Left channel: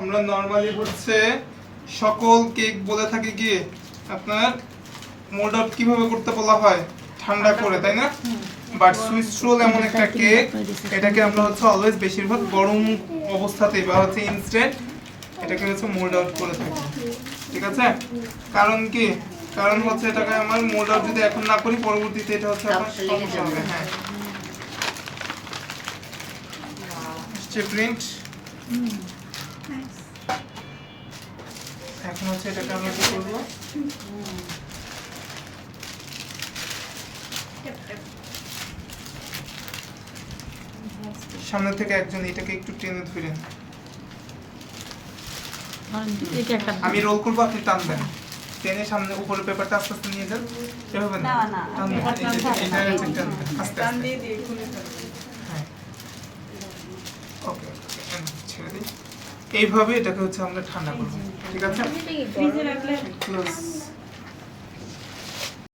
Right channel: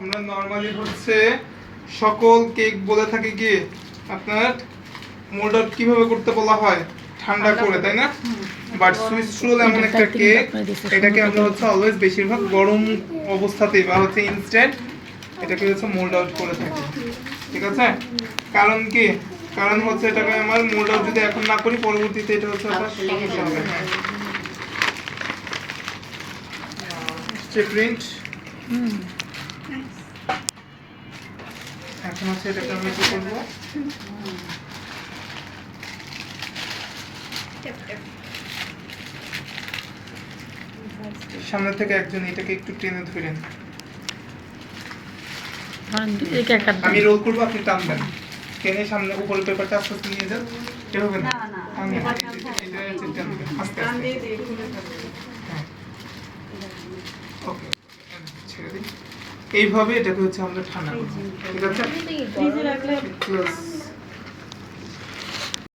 আমরা নরমালি হচ্ছে সকল কেক বলে থাকি কি আপনার মোল্ড আউট কিভাবে করতে বলা হয় ঠান্ডা করে, তাই না? বাট সুইস রোল এমন একটা কেক, এটাকে আমরা হচ্ছে অলওয়েজ বেশিরভাগ গরম অবস্থাতেই বা হচ্ছে ইনস্ট্যান্ট এটাকে হচ্ছে মোল্ড আউট করে থাকি, ঠিক আছে? কারণ কি, কারণ হচ্ছে এটাকে আমার মোল্ড আউট যদি এখন না করি পরবর্তীতে এটা হচ্ছে আবার সমস্যা হবে। হ্যাঁ, প্রিন্ট এখন হচ্ছে এটাকে আমরা কি করবো, সামনে থেকে একজন এটাকে একটু টেনে ধরেন, আমি রোল করবো আপনি টানবেন, টেনে সামনে উপরে পেপারটা আস্তে আস্তে নিয়ে যান, এভাবে না আস্তে আস্তে, হ্যাঁ ওকে ছেড়ে দিই, এইভাবে এটাকে হচ্ছে আমরা ঠান্ডা করবো, ঠিক আছে?